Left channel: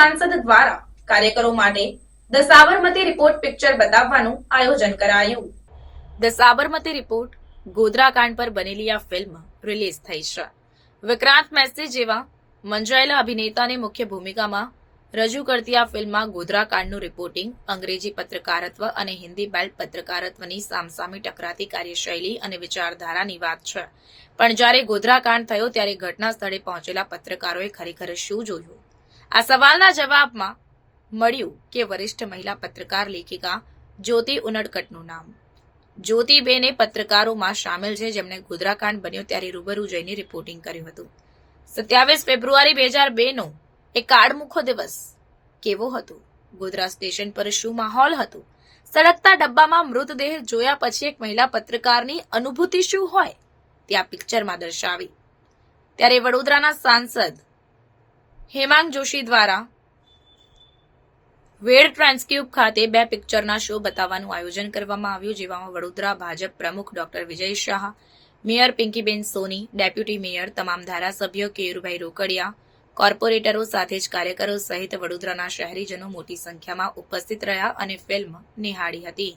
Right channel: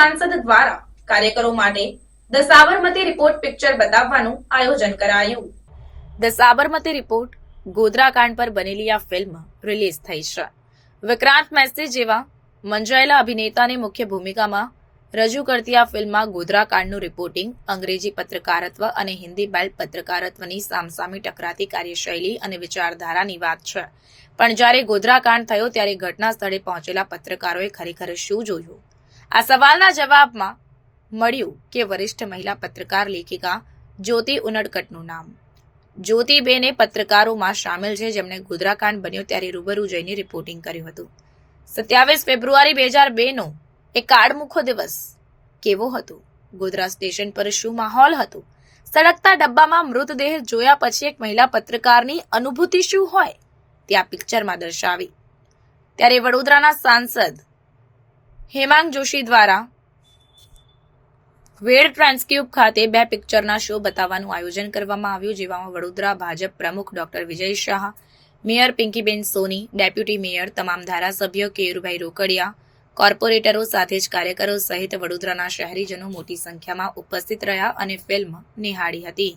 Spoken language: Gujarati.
સાંસદ દ્વારા કાર્યકરો માટે ધ સાબરમતી રિપોર્ટ પિક્ચર બતાવવાનું આયોજન કરાયું. ધ સાબરમતી રિપોર્ટ ગોધરાકાંડ પર બનેલી આ ફિલ્મ રિલીઝ થઈ છે. વિક્રાંત મેસી જેવા મંજાયેલા અભિનેતાને મુખ્ય ભૂમિકામાં રજૂ કરતી આ ફિલ્મમાં ગોધરાકાંડનું રિપોર્ટિંગ અંગ્રેજી પત્રકારત્વ અને હિન્દી બેલ્ટ પત્રકારત્વની સામસામી ટકરાતી કાર્યશૈલી અને વિચારધારાની વાત છે. પણ જ્યારે ગોધરાકાંડ થયો ત્યારે ઘટના સ્થળે પહોંચેલા પત્રકારોએ ખરેખર શું જોયું? આ સવાલના જવાબમાં મળ્યું કે વરિષ્ઠ મહિલા પત્રકાર લેખિકા જ્યોતિ ઉનડકટનું નામ. જ્યોતિબેને પત્રકારોમાં સામેલ છે જેમણે ગોધરાકાંડ બન્યો ત્યારે રૂબરૂ જઈને રિપોર્ટિંગ કર્યું હતું. સત્યાવીસ ફેબ્રુઆરી બે હજાર બેનો એ કાળમુખો દિવસ કેવો હતો? ગોધરા સ્ટેશન પર શું માહોલ હતો? સળગતા ડબ્બામાં મૃતદેહ જોયા પછી એક મહિલા પત્રકારની અનુભૂતિ શું હોય? તે આ પિક્ચરમાં દર્શાવી. ત્યારે વડોદરાના સાંસદ હેમાંગ જોશી દ્વારા વેડ ટ્રાન્સક્યુબ ખાતે બે પિક્ચરના શો બતાવવાનું આયોજન કરવામાં આવ્યું જેમાં વડોદરા ભાજપ પ્રમુખ doctor Vijay Shah, mayor Pinkiben Soni, deputy mayor તમામ ધારાસભ્યો કેયુરભાઈ રોકડિયા, કોર્પોરેટરો સાથે જ કાર્યકરો સહિત વડોદરાના શહેરીજનો મોટી સંખ્યામાં ઉપસ્થિત રહ્યા અને ફિલ્મ નિહાળી હતી.